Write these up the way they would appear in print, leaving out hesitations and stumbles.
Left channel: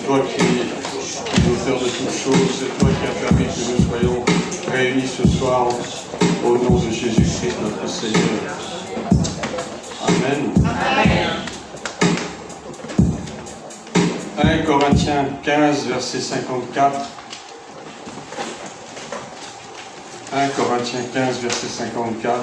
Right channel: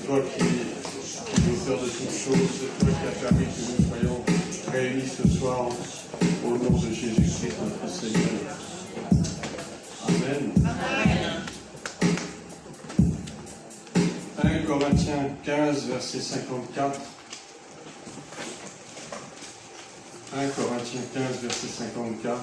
c'est toi qui es l'auteur de toutes choses, c'est toi qui as permis que nous soyons réunis ce soir au nom de Jésus-Christ notre Seigneur. Amen. Amen. 1 Corinthiens 15, verset 54. 1 Corinthiens 15, verset 54.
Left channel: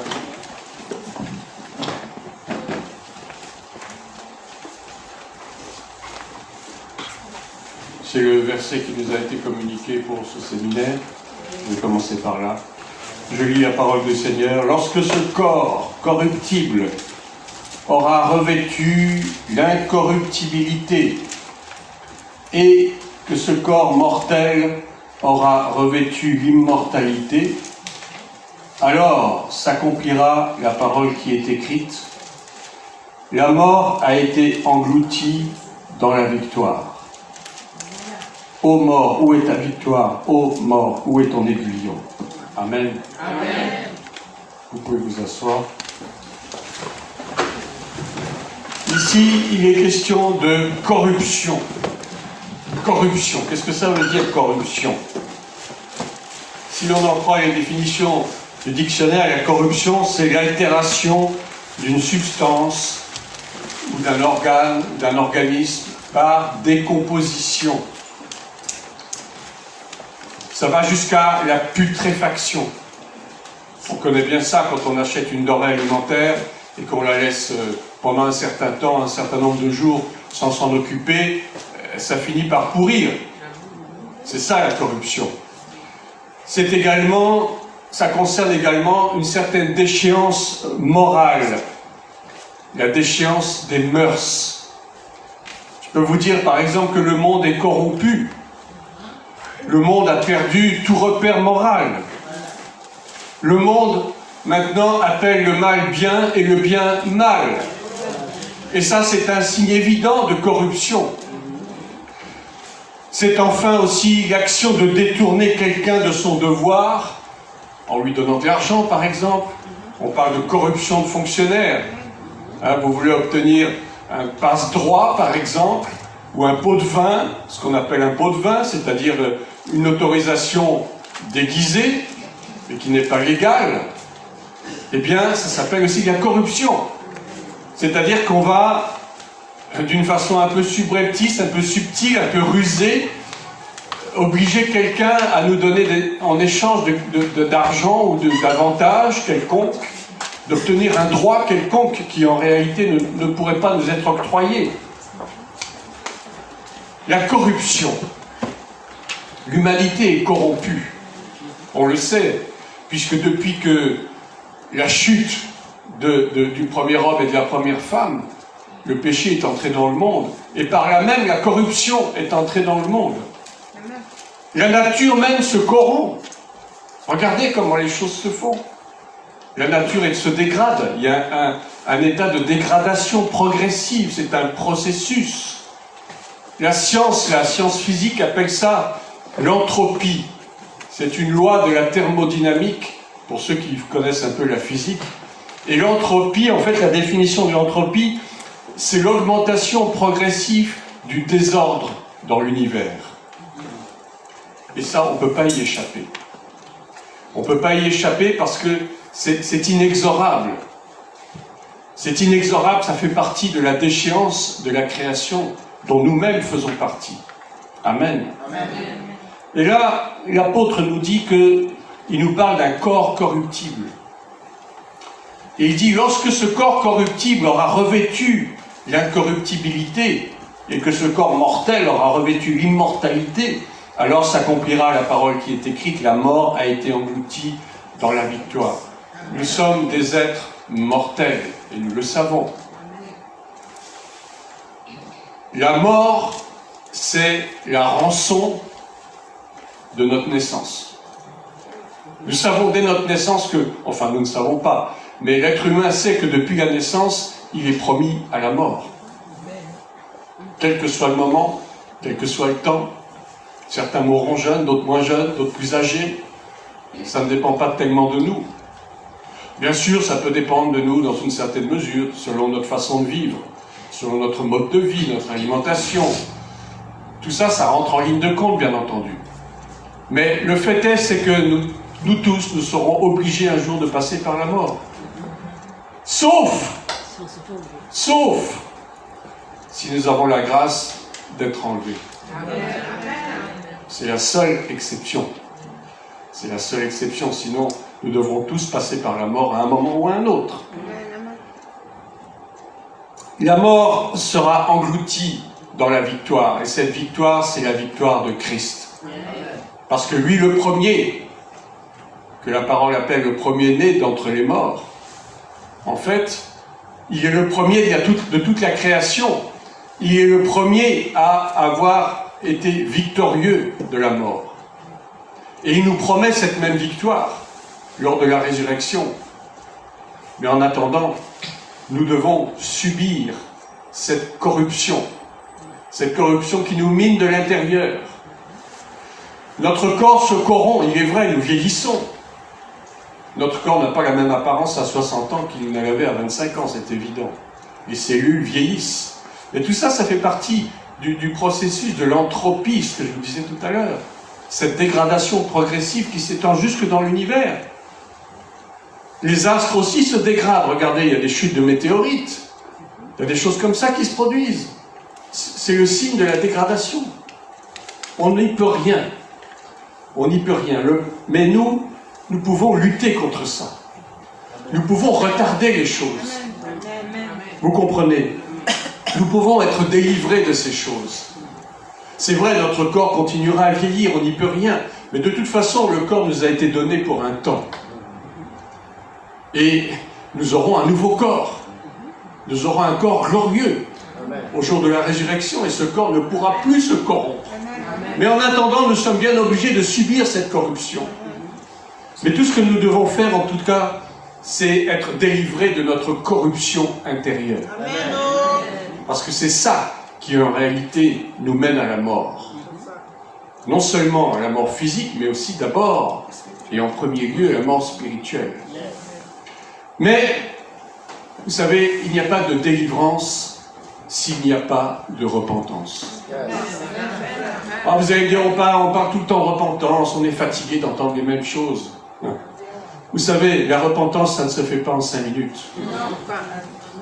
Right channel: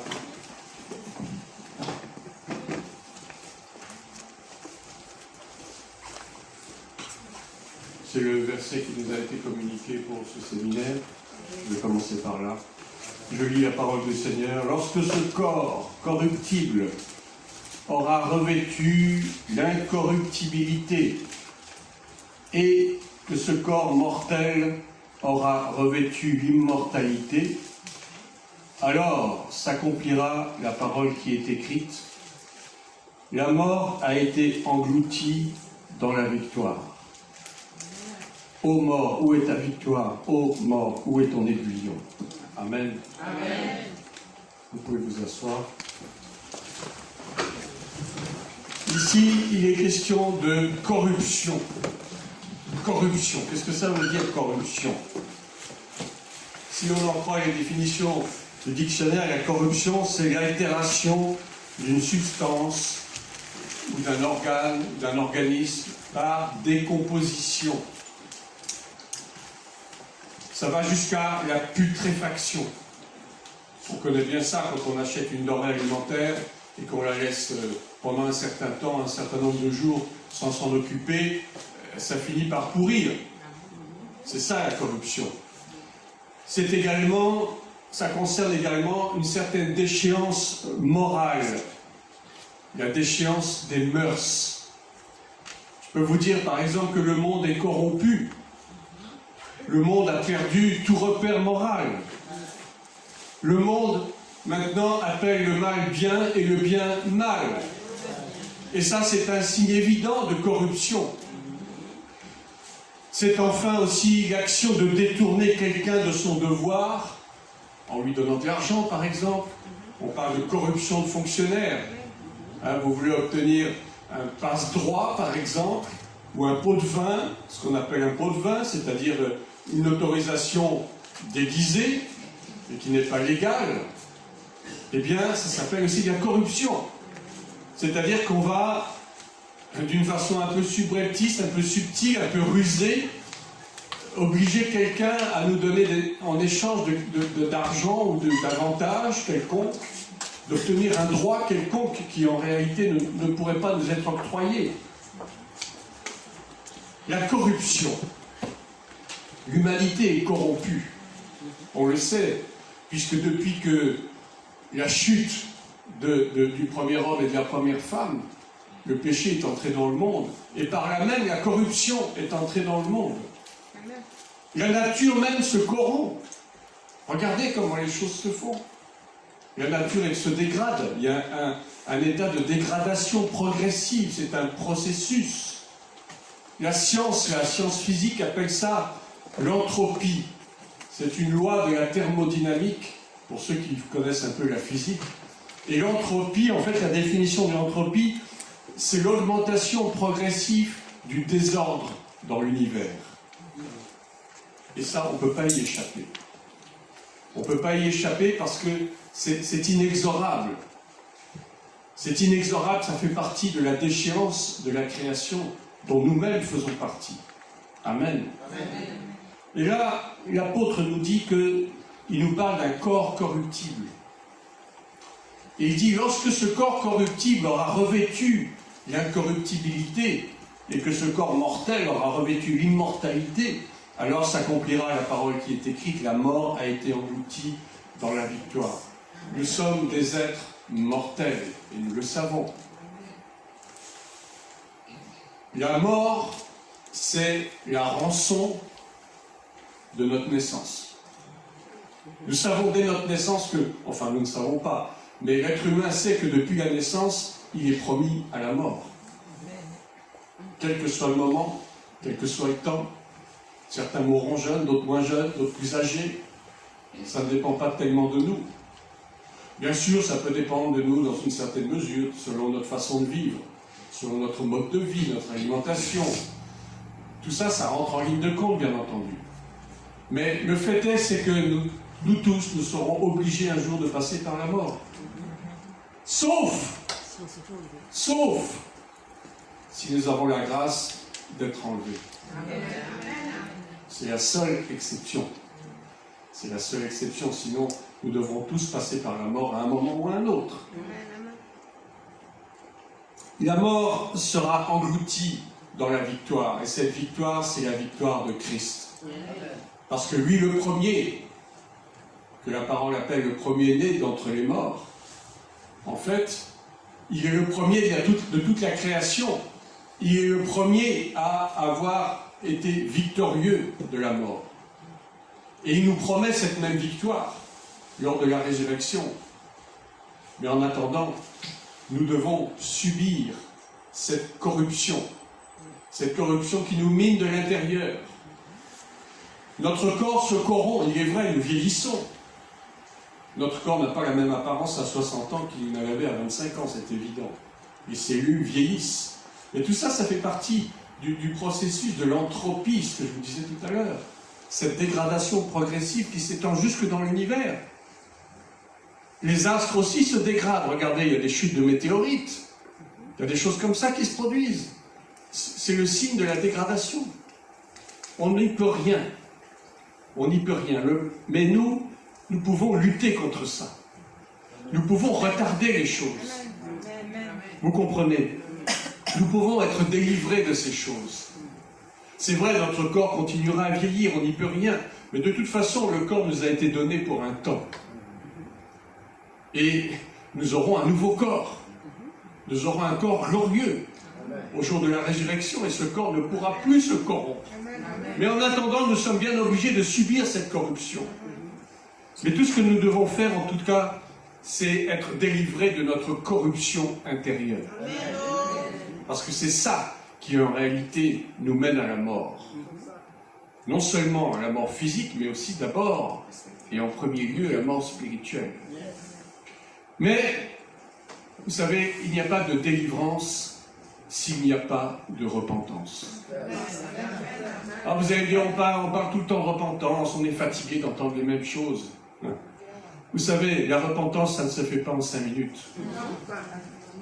C'est le verset qui nous a été communiqué pour ce séminaire. Je vais commencer par là. Je lis la parole du Seigneur. Lorsque ce corps corruptible aura revêtu l'incorruptibilité et que ce corps mortel aura revêtu l'immortalité, alors s'accomplira la parole qui est écrite. La mort a été engloutie dans la victoire. Ô mort, où est ta victoire? Ô mort, où est ton aiguillon? Amen. Amen. Vous pouvez vous asseoir. Ici, il est question de corruption. Corruption, qu'est-ce que ça veut dire, corruption? Si l'on en croit les définitions du dictionnaire, la corruption, c'est l'altération d'une substance ou d'un organe, d'un organisme par décomposition. Ça va jusqu'à la putréfaction. On connaît bien ça quand on achète une denrée alimentaire et qu'on la laisse pendant un certain temps, un certain nombre de jours sans s'en occuper, ça finit par pourrir. C'est ça la corruption. C'est également, ça concerne également une certaine déchéance morale, la déchéance des mœurs. Je peux vous dire par exemple que le monde est corrompu. Le monde a perdu tout repère moral. Le monde, maintenant, appelle le mal bien et le bien mal. Et ça, c'est un signe évident de corruption. C'est enfin aussi l'action de détourner quelqu'un de son devoir, en lui donnant de l'argent, par exemple. On parle de corruption de fonctionnaire. Vous voulez obtenir un passe-droit, par exemple, ou un pot de vin, ce qu'on appelle un pot de vin, c'est-à-dire une autorisation déguisée, mais qui n'est pas légale, eh bien, ça s'appelle aussi de la corruption. C'est-à-dire qu'on va, d'une façon un peu subreptice, un peu subtile, un peu rusée, obliger quelqu'un à nous donner, en échange d'argent ou d'avantages quelconques, d'obtenir un droit quelconque qui, en réalité, ne pourrait pas nous être octroyé. La corruption. L'humanité est corrompue, on le sait, puisque depuis que la chute du premier homme et de la première femme, le péché est entré dans le monde, et par là même la corruption est entrée dans le monde. La nature même se corrompt. Regardez comment les choses se font. La nature, elle se dégrade, il y a un état de dégradation progressive, c'est un processus. La science physique appelle ça l'entropie. C'est une loi de la thermodynamique, pour ceux qui connaissent un peu la physique. Et l'entropie, en fait, la définition de l'entropie, c'est l'augmentation progressive du désordre dans l'univers. Et ça, on ne peut pas y échapper. On ne peut pas y échapper parce que c'est inexorable. C'est inexorable, ça fait partie de la déchéance de la création dont nous-mêmes faisons partie. Amen. Amen. Et là, l'apôtre nous dit qu'il nous parle d'un corps corruptible. Et il dit, lorsque ce corps corruptible aura revêtu l'incorruptibilité et que ce corps mortel aura revêtu l'immortalité, alors s'accomplira la parole qui est écrite, la mort a été engloutie dans la victoire. Nous sommes des êtres mortels et nous le savons. La mort, c'est la rançon de notre naissance. Nous savons dès notre naissance que, enfin nous ne savons pas, mais l'être humain sait que depuis la naissance, il est promis à la mort. Quel que soit le moment, quel que soit le temps, certains mourront jeunes, d'autres moins jeunes, d'autres plus âgés. Ça ne dépend pas tellement de nous. Bien sûr, ça peut dépendre de nous dans une certaine mesure, selon notre façon de vivre, selon notre mode de vie, notre alimentation. Tout ça, ça rentre en ligne de compte, bien entendu. Mais le fait est, c'est que nous tous, nous serons obligés un jour de passer par la mort. Sauf si nous avons la grâce d'être enlevés. C'est la seule exception. C'est la seule exception, sinon nous devrons tous passer par la mort à un moment ou à un autre. La mort sera engloutie dans la victoire, et cette victoire, c'est la victoire de Christ. Parce que lui, le premier, que la parole appelle le premier-né d'entre les morts, en fait, il est le premier de toute la création. Il est le premier à avoir été victorieux de la mort. Et il nous promet cette même victoire lors de la résurrection. Mais en attendant, nous devons subir cette corruption qui nous mine de l'intérieur. Notre corps se corrompt, il est vrai, nous vieillissons. Notre corps n'a pas la même apparence à 60 ans qu'il n'avait à 25 ans, c'est évident. Les cellules vieillissent. Mais tout ça, ça fait partie du processus de l'entropie, ce que je vous disais tout à l'heure. Cette dégradation progressive qui s'étend jusque dans l'univers. Les astres aussi se dégradent. Regardez, il y a des chutes de météorites. Il y a des choses comme ça qui se produisent. C'est le signe de la dégradation. On n'y peut rien. On n'y peut rien. Mais nous pouvons lutter contre ça. Nous pouvons retarder les choses. Vous comprenez? Nous pouvons être délivrés de ces choses. C'est vrai, notre corps continuera à vieillir, on n'y peut rien. Mais de toute façon, le corps nous a été donné pour un temps. Et nous aurons un nouveau corps. Nous aurons un corps glorieux au jour de la résurrection, et ce corps ne pourra plus se corrompre. Mais en attendant, nous sommes bien obligés de subir cette corruption. Mais tout ce que nous devons faire, en tout cas, c'est être délivrés de notre corruption intérieure. Parce que c'est ça qui, en réalité, nous mène à la mort. Non seulement à la mort physique, mais aussi d'abord, et en premier lieu, à la mort spirituelle. Mais, vous savez, il n'y a pas de délivrance s'il n'y a pas de repentance. Ah, vous allez me dire, on parle tout le temps de repentance, on est fatigué d'entendre les mêmes choses. Vous savez, la repentance, ça ne se fait pas en 5 minutes.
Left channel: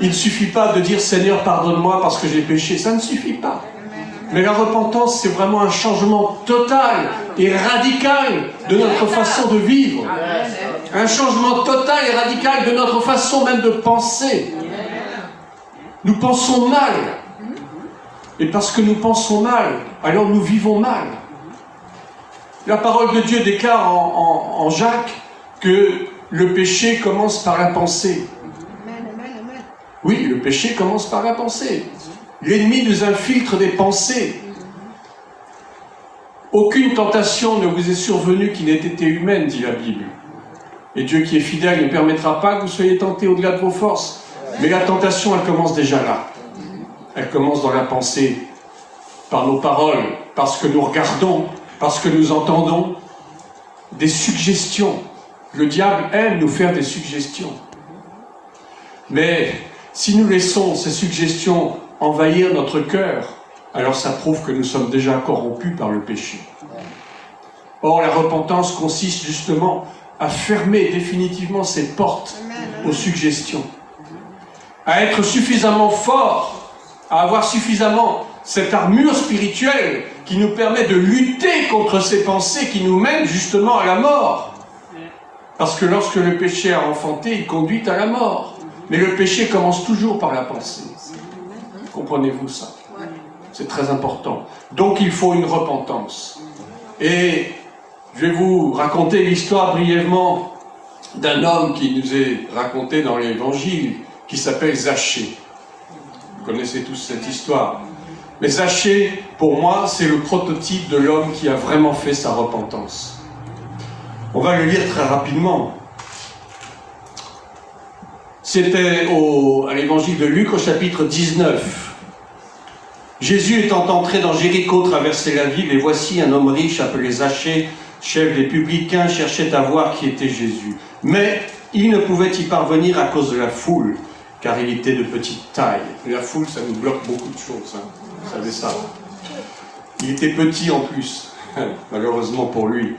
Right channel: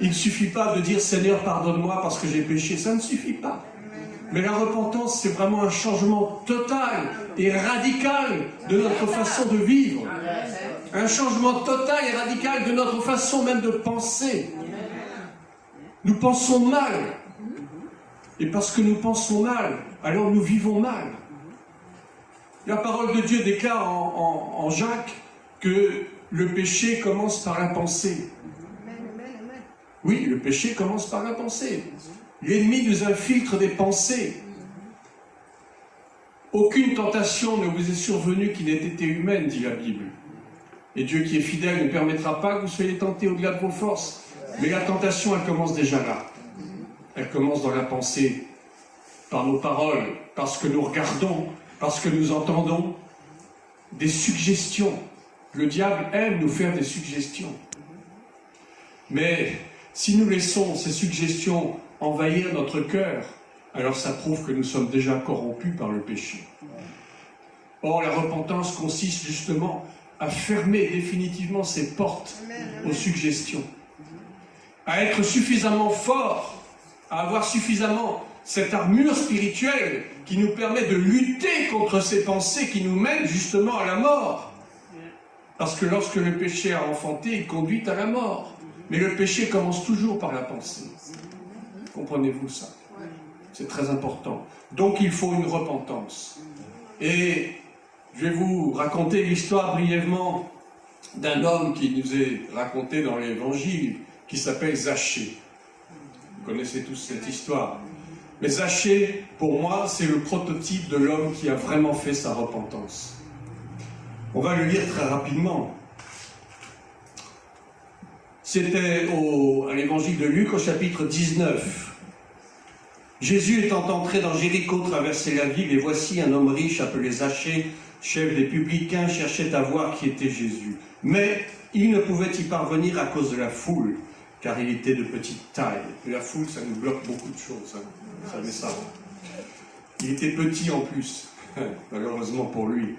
Il ne suffit pas de dire « Seigneur, pardonne-moi parce que j'ai péché ». Ça ne suffit pas. Mais la repentance, c'est vraiment un changement total et radical de notre façon de vivre. Un changement total et radical de notre façon même de penser. Nous pensons mal. Et parce que nous pensons mal, alors nous vivons mal. La parole de Dieu déclare en Jacques que le péché commence par la pensée. Oui, le péché commence par la pensée. L'ennemi nous infiltre des pensées. Aucune tentation ne vous est survenue qui n'ait été humaine, dit la Bible. Et Dieu qui est fidèle ne permettra pas que vous soyez tentés au-delà de vos forces. Mais la tentation, elle commence déjà là. Elle commence dans la pensée, par nos paroles, parce que nous regardons, parce que nous entendons des suggestions. Le diable aime nous faire des suggestions. Mais si nous laissons ces suggestions envahir notre cœur, alors ça prouve que nous sommes déjà corrompus par le péché. Or, la repentance consiste justement à fermer définitivement ces portes aux suggestions, à être suffisamment fort, à avoir suffisamment cette armure spirituelle qui nous permet de lutter contre ces pensées qui nous mènent justement à la mort. Parce que lorsque le péché a enfanté, il conduit à la mort. Mais le péché commence toujours par la pensée. Comprenez-vous ça? C'est très important. Donc il faut une repentance. Et je vais vous raconter l'histoire brièvement d'un homme qui nous est raconté dans l'Évangile, qui s'appelle Zachée. Vous connaissez tous cette histoire. Mais Zachée, pour moi, c'est le prototype de l'homme qui a vraiment fait sa repentance. On va le lire très rapidement. C'était à l'Évangile de Luc, au chapitre 19. Jésus étant entré dans Jéricho, traversait la ville, et voici un homme riche appelé Zachée, chef des publicains, cherchait à voir qui était Jésus. Mais il ne pouvait y parvenir à cause de la foule, car il était de petite taille. Et la foule, ça nous bloque beaucoup de choses, hein. Vous savez ça. Il était petit en plus, malheureusement pour lui.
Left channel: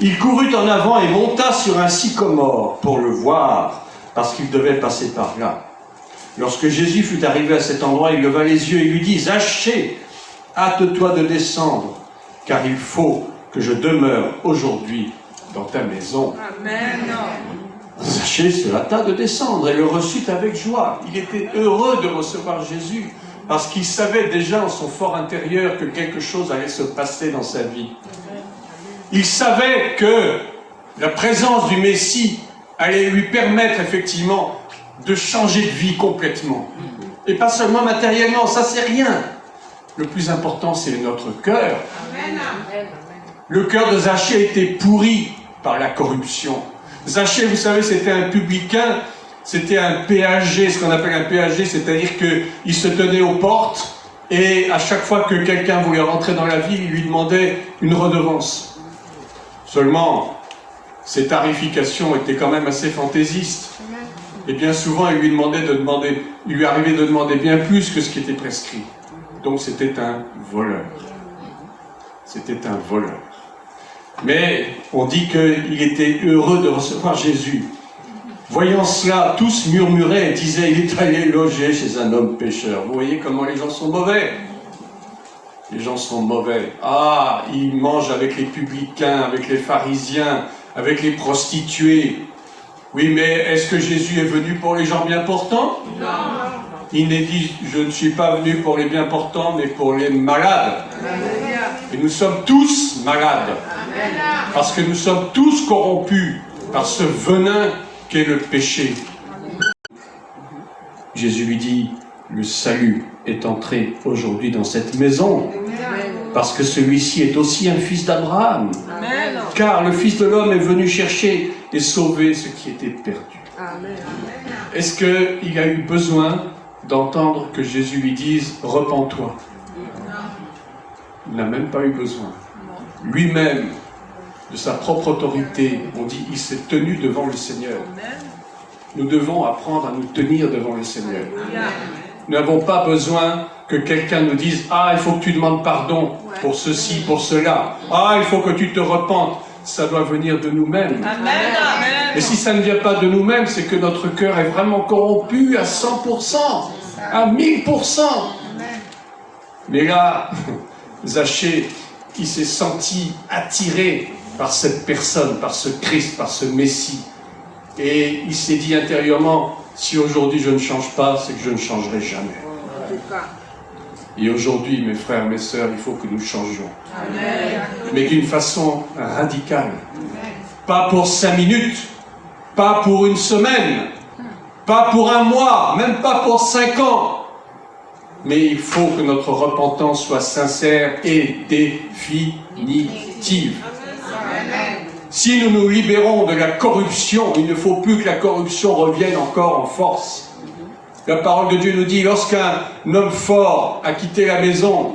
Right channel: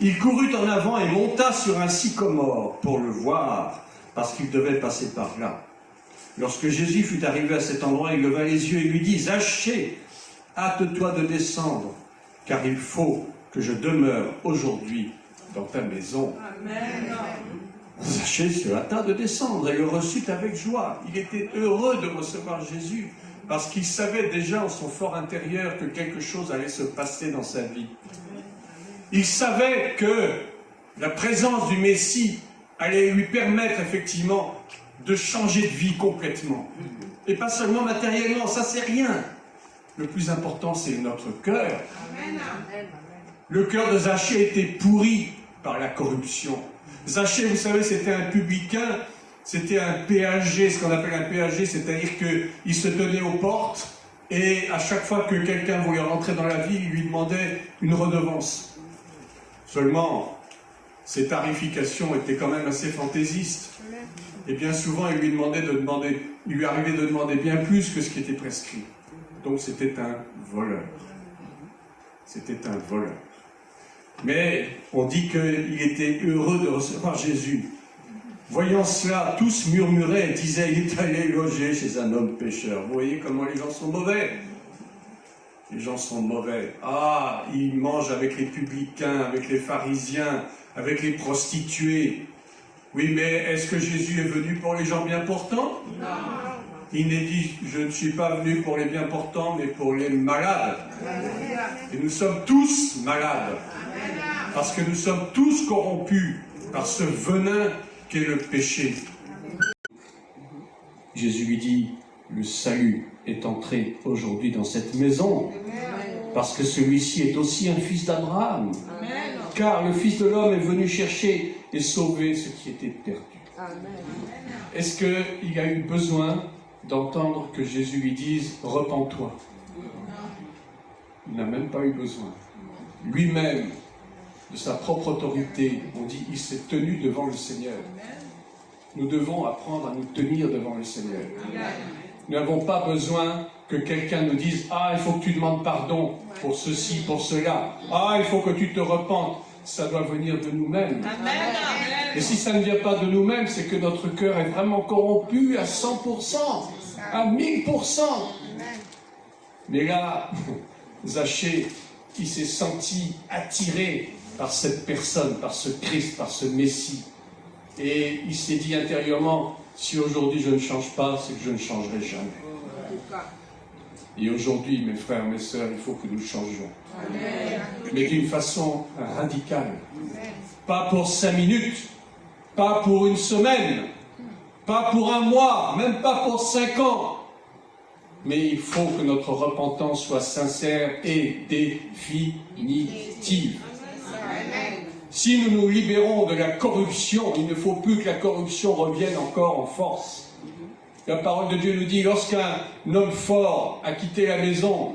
Il courut en avant et monta sur un sycomore pour le voir, parce qu'il devait passer par là. Lorsque Jésus fut arrivé à cet endroit, il leva les yeux et lui dit « Zachée, hâte-toi de descendre, car il faut que je demeure aujourd'hui dans ta maison. » Amen. Zachée se hâta de descendre et le reçut avec joie. Il était heureux de recevoir Jésus, parce qu'il savait déjà en son fort intérieur que quelque chose allait se passer dans sa vie. Il savait que la présence du Messie allait lui permettre effectivement de changer de vie complètement. Et pas seulement matériellement, ça c'est rien. Le plus important c'est notre cœur. Le cœur de Zachée était pourri par la corruption. Zachée, vous savez, c'était un publicain, c'était un péager, ce qu'on appelle un péager, c'est-à-dire qu'il se tenait aux portes et à chaque fois que quelqu'un voulait rentrer dans la ville, il lui demandait une redevance. Seulement, ces tarifications étaient quand même assez fantaisistes. Et bien souvent, il lui arrivait de demander bien plus que ce qui était prescrit. Donc c'était un voleur. C'était un voleur. Mais on dit qu'il était heureux de recevoir Jésus. Voyant cela, tous murmuraient et disaient « Il est allé loger chez un homme pécheur. » Vous voyez comment les gens sont mauvais. Les gens sont mauvais. Ah, ils mangent avec les publicains, avec les pharisiens, avec les prostituées. Oui, mais est-ce que Jésus est venu pour les gens bien portants? Non. Il n'est dit, je ne suis pas venu pour les bien portants, mais pour les malades. Et nous sommes tous malades. Parce que nous sommes tous corrompus par ce venin qu'est le péché. Jésus lui dit, le salut est entré aujourd'hui dans cette maison, parce que celui-ci est aussi un fils d'Abraham. Car le Fils de l'homme est venu chercher et sauver ce qui était perdu. Est-ce qu'il a eu besoin d'entendre que Jésus lui dise « Repens-toi » ? Il n'a même pas eu besoin. Lui-même, de sa propre autorité, on dit il s'est tenu devant le Seigneur. Nous devons apprendre à nous tenir devant le Seigneur. Nous n'avons pas besoin que quelqu'un nous dise « Ah, il faut que tu demandes pardon pour ceci, pour cela. Ah, il faut que tu te repentes. » Ça doit venir de nous-mêmes. Et si ça ne vient pas de nous-mêmes, c'est que notre cœur est vraiment corrompu à 100%, à 1000%. Mais là, Zachée, il s'est senti attiré par cette personne, par ce Christ, par ce Messie. Et il s'est dit intérieurement, si aujourd'hui je ne change pas, c'est que je ne changerai jamais. Et aujourd'hui, mes frères, mes sœurs, il faut que nous changions. Mais d'une façon radicale. Pas pour 5 minutes, pas pour une semaine, pas pour un mois, même pas pour 5 ans. Mais il faut que notre repentance soit sincère et définitive. Si nous nous libérons de la corruption, il ne faut plus que la corruption revienne encore en force. La parole de Dieu nous dit, lorsqu'un homme fort a quitté la maison,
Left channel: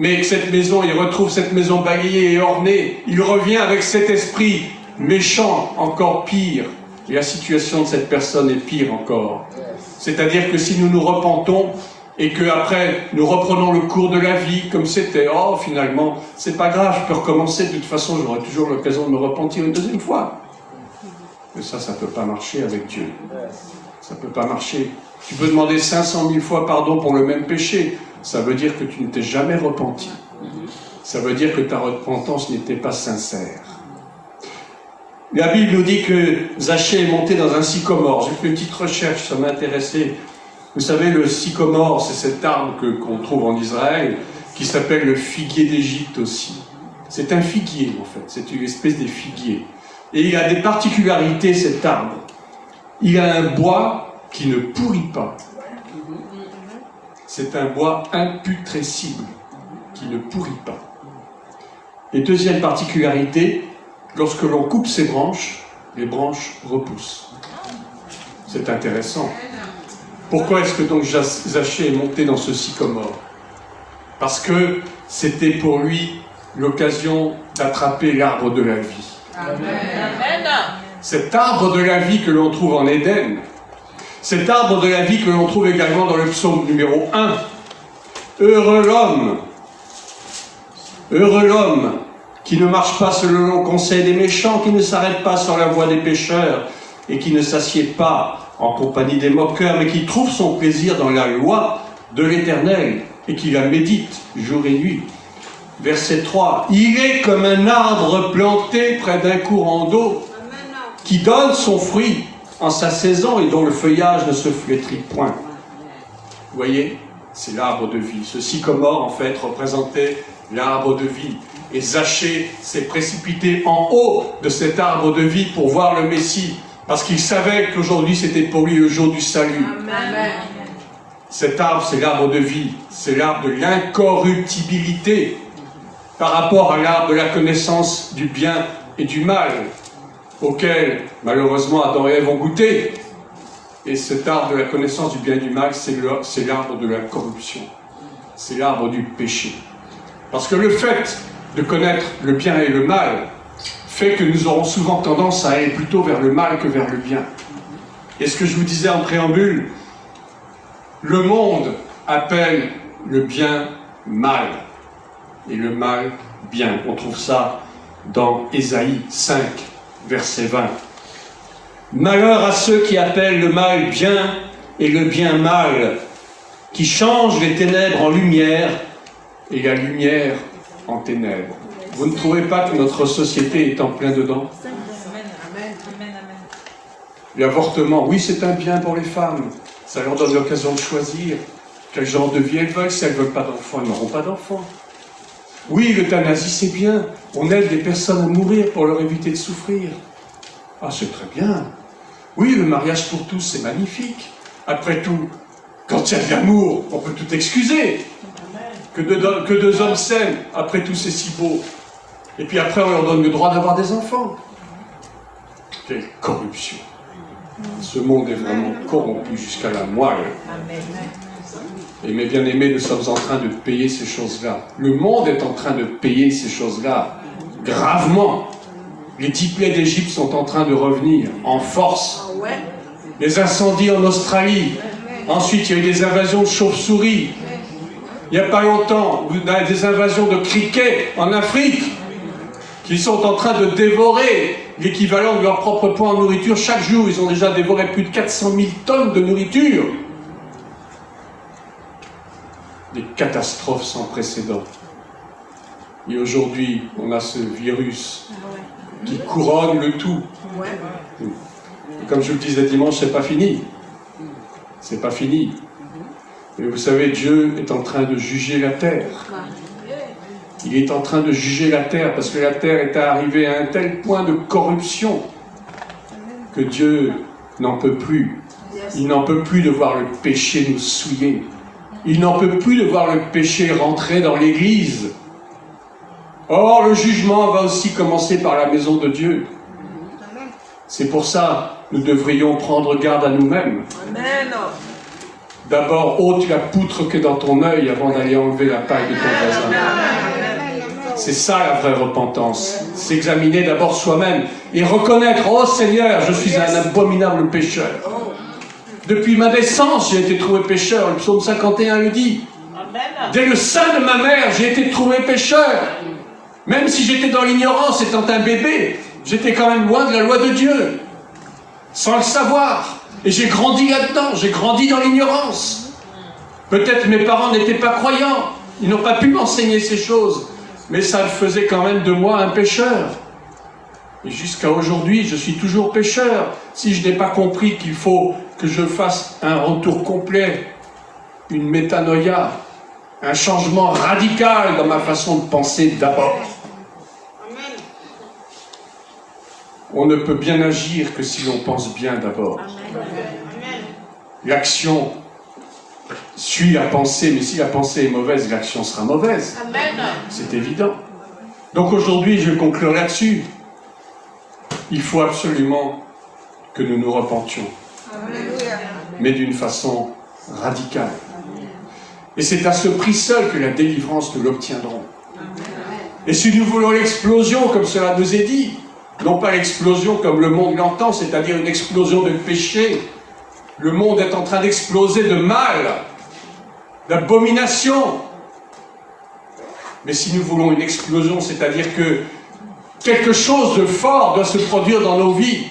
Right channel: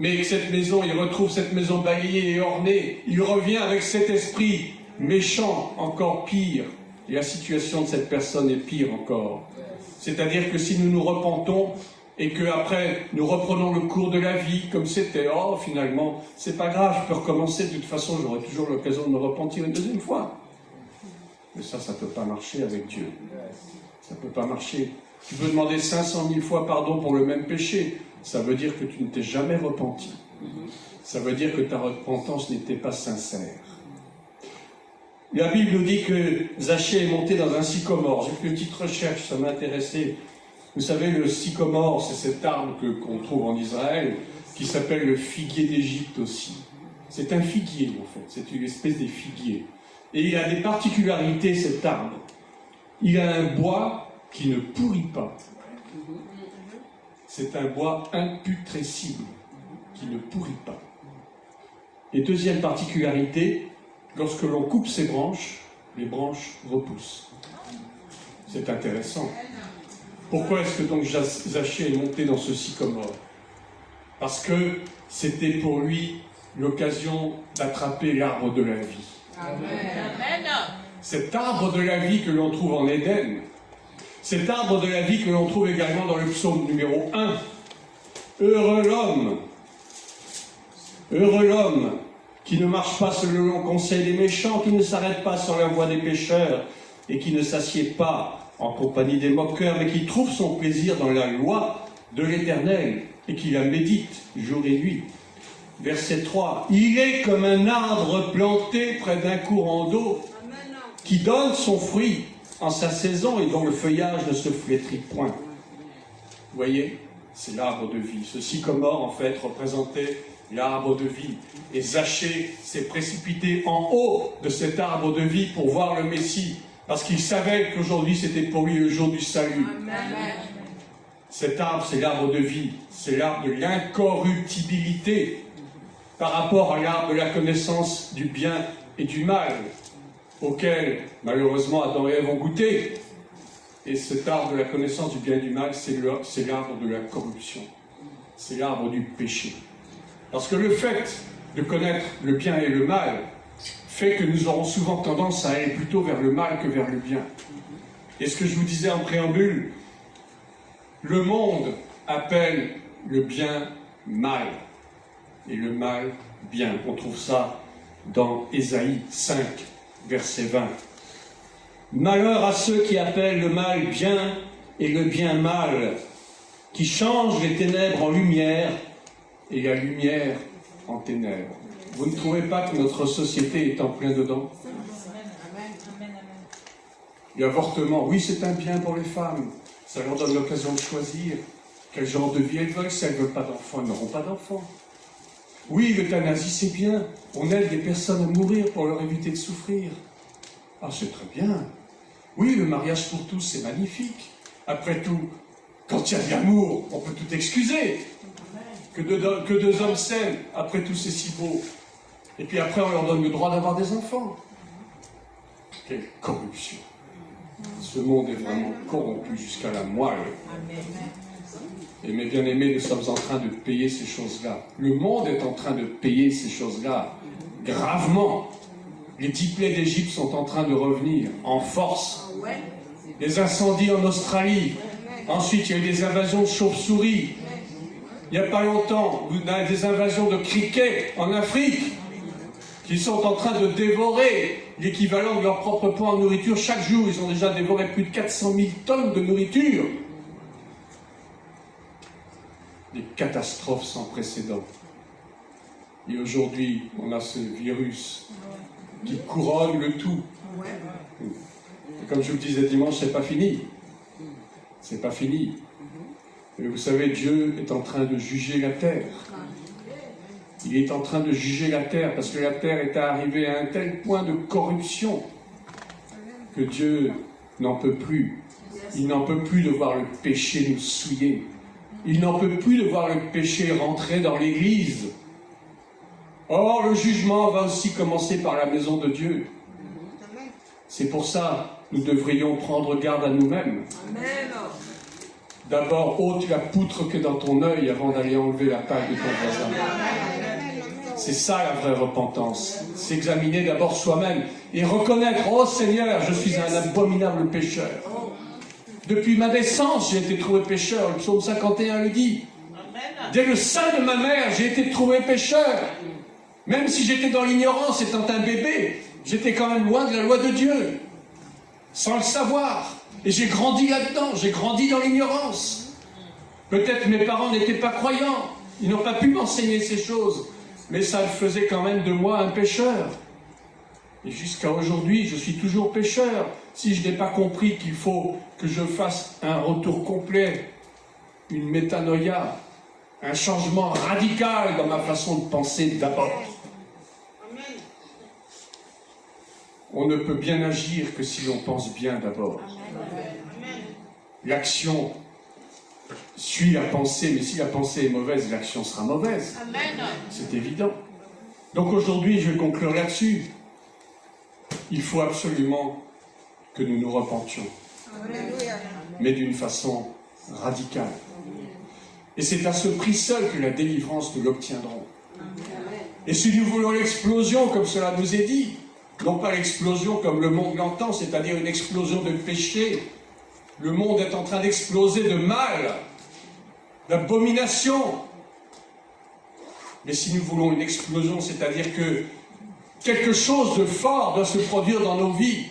mais que cette maison, il retrouve cette maison balayée et ornée, il revient avec cet esprit méchant, encore pire. Et la situation de cette personne est pire encore. C'est-à-dire que si nous nous repentons, et qu'après nous reprenons le cours de la vie comme c'était, oh finalement, c'est pas grave, je peux recommencer, de toute façon j'aurai toujours l'occasion de me repentir une deuxième fois. Mais ça ne peut pas marcher avec Dieu. Ça ne peut pas marcher. Tu peux demander 500 000 fois pardon pour le même péché. Ça veut dire que tu ne t'es jamais repenti. Ça veut dire que ta repentance n'était pas sincère. La Bible nous dit que Zachée est monté dans un sycomore. J'ai fait une petite recherche, ça m'a intéressé. Vous savez, le sycomore, c'est cet arbre qu'on trouve en Israël, qui s'appelle le figuier d'Égypte aussi. C'est un figuier, en fait. C'est une espèce de figuier. Et il a des particularités, cet arbre. Il a un bois qui ne pourrit pas. C'est un bois imputrescible, qui ne pourrit pas. Et deuxième particularité, lorsque l'on coupe ses branches, les branches repoussent. C'est intéressant. Pourquoi est-ce que donc Zachée est monté dans ce sycomore? Parce que c'était pour lui l'occasion d'attraper l'arbre de la vie. Amen. Cet arbre de la vie que l'on trouve en Éden, cet arbre de la vie que l'on trouve également dans le psaume numéro 1. Heureux l'homme Heureux l'homme qui ne marche pas selon le conseil des méchants, qui ne s'arrête pas sur la voie des pécheurs et qui ne s'assied pas en compagnie des moqueurs, mais qui trouve son plaisir dans la loi de l'Éternel et qui la médite jour et nuit. Verset 3. Il est comme un arbre planté près d'un courant d'eau qui donne son fruit en sa saison et dont le feuillage ne se flétrit point. Vous voyez, c'est l'arbre de vie. Ce sycomore, en fait, représentait l'arbre de vie. Et Zachée s'est précipité en haut de cet arbre de vie pour voir le Messie, parce qu'il savait qu'aujourd'hui c'était pour lui le jour du salut. Amen. Cet arbre, c'est l'arbre de vie, c'est l'arbre de l'incorruptibilité par rapport à l'arbre de la connaissance du bien et du mal, auquel malheureusement Adam et Ève ont goûté. Et cet arbre de la connaissance du bien et du mal, c'est l'arbre de la corruption, c'est l'arbre du péché. Parce que le fait de connaître le bien et le mal fait que nous aurons souvent tendance à aller plutôt vers le mal que vers le bien. Et ce que je vous disais en préambule, le monde appelle le bien mal et le mal bien. On trouve ça dans Ésaïe 5, verset 20. Malheur à ceux qui appellent le mal bien et le bien mal, qui changent les ténèbres en lumière et la lumière en ténèbres. Vous ne trouvez pas que notre société est en plein dedans? L'avortement, oui, c'est un bien pour les femmes. Ça leur donne l'occasion de choisir quel genre de vie elles veulent. Si elles ne veulent pas d'enfants, elles n'auront pas d'enfants. Oui, l'euthanasie, c'est bien. On aide les personnes à mourir pour leur éviter de souffrir. Ah, c'est très bien. Oui, le mariage pour tous, c'est magnifique. Après tout, quand il y a de l'amour, on peut tout excuser. Que deux hommes s'aiment, après tout, c'est si beau. Et puis après, on leur donne le droit d'avoir des enfants. Quelle corruption. Ce monde est vraiment corrompu jusqu'à la moelle. Et mes bien-aimés, nous sommes en train de payer ces choses-là. Le monde est en train de payer ces choses-là, gravement. Les 10 plaies d'Égypte sont en train de revenir, en force. Les incendies en Australie. Ensuite, il y a eu des invasions de chauves-souris. Il n'y a pas longtemps, vous avez des invasions de criquets en Afrique, qui sont en train de dévorer l'équivalent de leur propre poids en nourriture. Chaque jour, ils ont déjà dévoré plus de 400 000 tonnes de nourriture. Des catastrophes sans précédent. Et aujourd'hui, on a ce virus qui couronne le tout. Et comme je le disais dimanche, c'est pas fini. C'est pas fini. Mais vous savez, Dieu est en train de juger la terre. Il est en train de juger la terre parce que la terre est arrivée à un tel point de corruption que Dieu n'en peut plus. Il n'en peut plus de voir le péché nous souiller. Il n'en peut plus de voir le péché rentrer dans l'Église. Or, le jugement va aussi commencer par la maison de Dieu. C'est pour ça que nous devrions prendre garde à nous-mêmes. D'abord, ôte la poutre que dans ton œil avant d'aller enlever la paille de ton voisin. C'est ça la vraie repentance. S'examiner d'abord soi-même et reconnaître, oh Seigneur, je suis un abominable pécheur. Depuis ma naissance, j'ai été trouvé pécheur. Le psaume 51 le dit. Dès le sein de ma mère, j'ai été trouvé pécheur. Même si j'étais dans l'ignorance étant un bébé, j'étais quand même loin de la loi de Dieu. Sans le savoir. Et j'ai grandi là-dedans, j'ai grandi dans l'ignorance. Peut-être mes parents n'étaient pas croyants. Ils n'ont pas pu m'enseigner ces choses. Mais ça faisait quand même de moi un pécheur. Et jusqu'à aujourd'hui, je suis toujours pécheur. Si je n'ai pas compris qu'il faut que je fasse un retour complet, une métanoïa, un changement radical dans ma façon de penser d'abord. On ne peut bien agir que si l'on pense bien d'abord. L'action suit la pensée, mais si la pensée est mauvaise, l'action sera mauvaise. C'est évident. Donc aujourd'hui, je vais conclure là-dessus. Il faut absolument que nous nous repentions, mais d'une façon radicale. Et c'est à ce prix seul que la délivrance nous l'obtiendrons. Et si nous voulons l'explosion, comme cela nous est dit, non pas l'explosion comme le monde l'entend, c'est-à-dire une explosion de péché, le monde est en train d'exploser de mal, d'abomination. mais si nous voulons une explosion, c'est-à-dire que quelque chose de fort doit se produire dans nos vies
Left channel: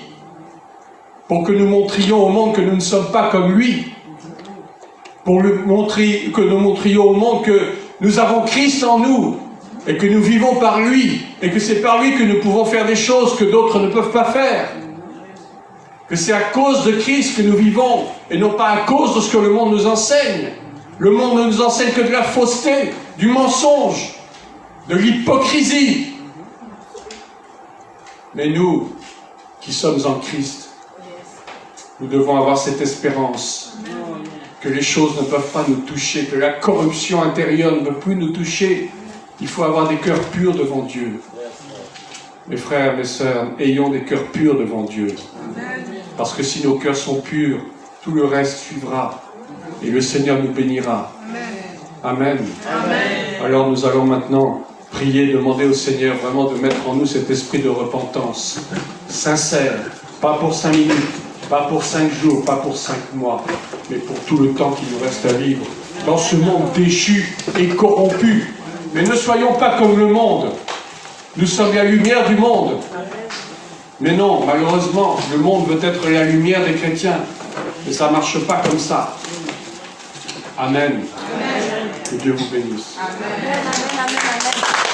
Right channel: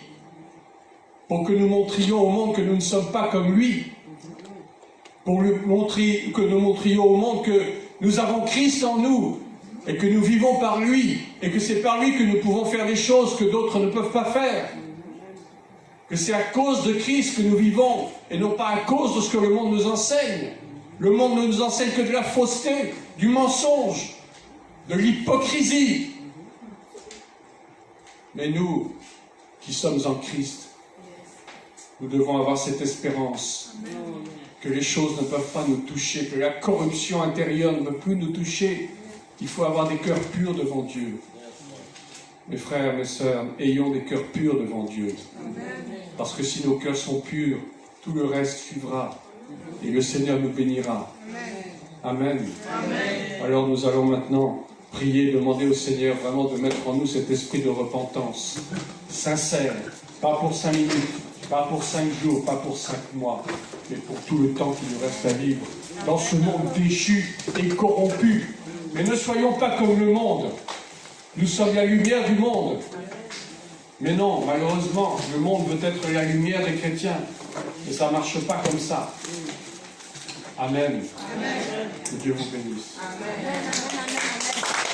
pour que nous montrions au monde que nous ne sommes pas comme lui, pour que nous montrions au monde que nous avons Christ en nous et que nous vivons par lui et que c'est par lui que nous pouvons faire des choses que d'autres ne peuvent pas faire. Que c'est à cause de Christ que nous vivons et non pas à cause de ce que le monde nous enseigne. Le monde ne nous enseigne que de la fausseté, du mensonge, de l'hypocrisie. Mais nous, qui sommes en Christ, nous devons avoir cette espérance que les choses ne peuvent pas nous toucher, que la corruption intérieure ne peut plus nous toucher. Il faut avoir des cœurs purs devant Dieu. Mes frères, mes sœurs, ayons des cœurs purs devant Dieu. Parce que si nos cœurs sont purs, tout le reste suivra. Et le Seigneur nous bénira. Amen. Amen. Alors nous allons maintenant prier, demander au Seigneur vraiment de mettre en nous cet esprit de repentance. Sincère, pas pour 5 minutes, pas pour 5 jours, pas pour 5 mois, mais pour tout le temps qu'il nous reste à vivre. Dans ce monde déchu et corrompu. Mais ne soyons pas comme le monde. Nous sommes la lumière du monde. Mais non, malheureusement, le monde veut être la lumière des chrétiens. Mais ça ne marche pas comme ça. Amen. Amen. Que Dieu vous bénisse. Amen. Amen. Amen.